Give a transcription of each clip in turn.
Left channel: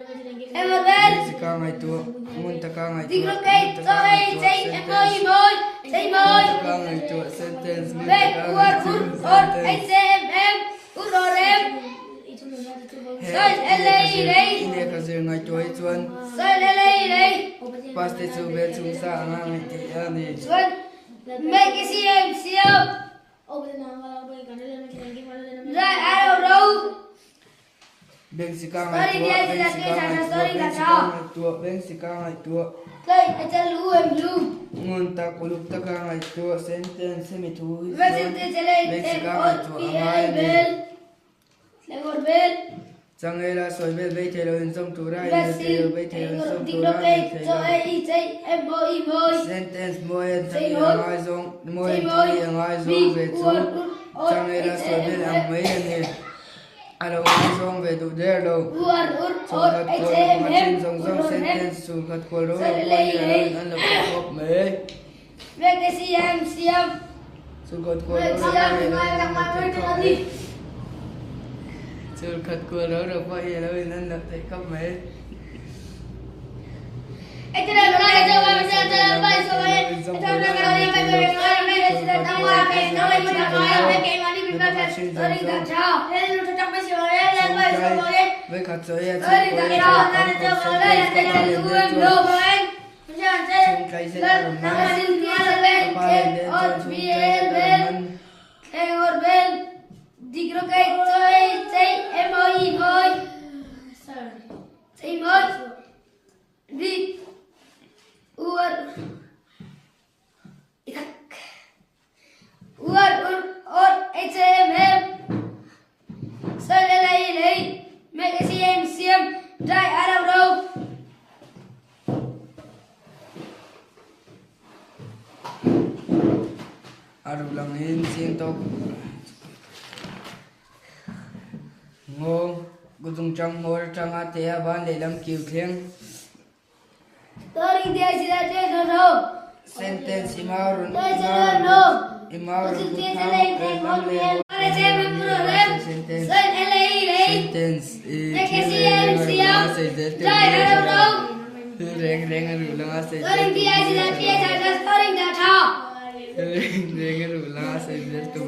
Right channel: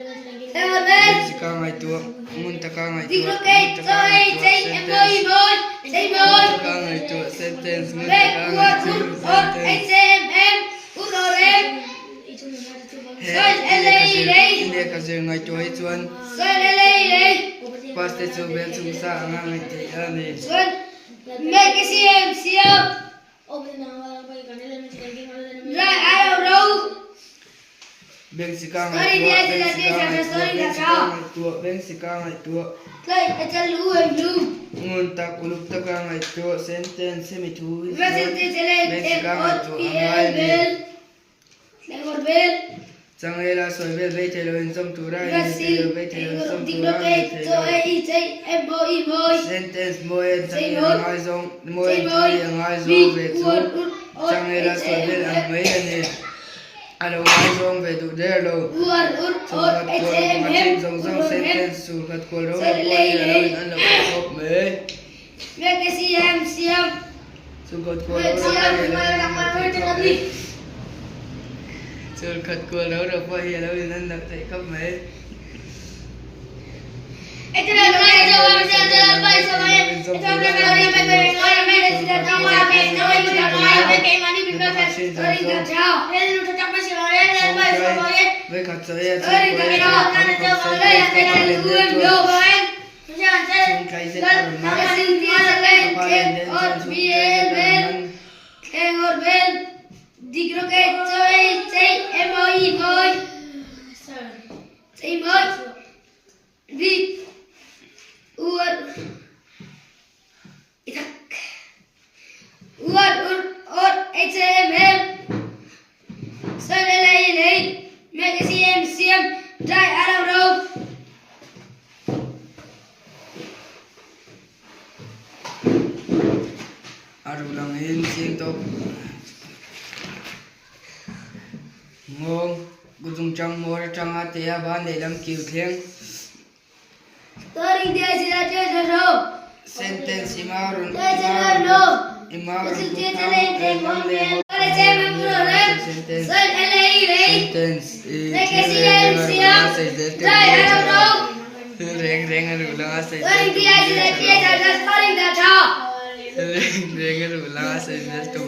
Jessica ngày tua, Muntaka ngày tua, Muntaka ngày tua, sentence, Muntaka ngày tua, past itu betul sah ngai tiada ni. Jessica ngày tua, Muntak uluk taka ngày tua, sentence semitu. Jessica ngày tua, Sangela soy bel telo in som turai bel telo som turai sentence moe ngai zong moe ngai zong ve tu Sangela soy bel ang mai ne alo ngai zong ve tu der lo sulkat ko machin zong zong sentence sulkat ko ro moe alo kop me sulkat ko sulkat ko đâu được vậy đâu nên là thấy không mấy với khắp giới lang hin siêng to ngon gudung trong mor trong atea ban để làm kiều thiêng sentence imarun reng reng aru lang asai reng aru lang asai just to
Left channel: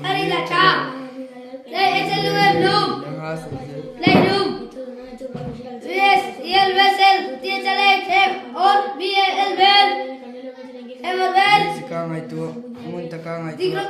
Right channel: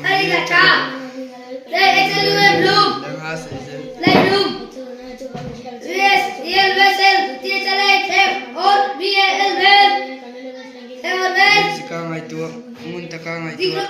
Jessica ngày tua, Muntaka ngày tua,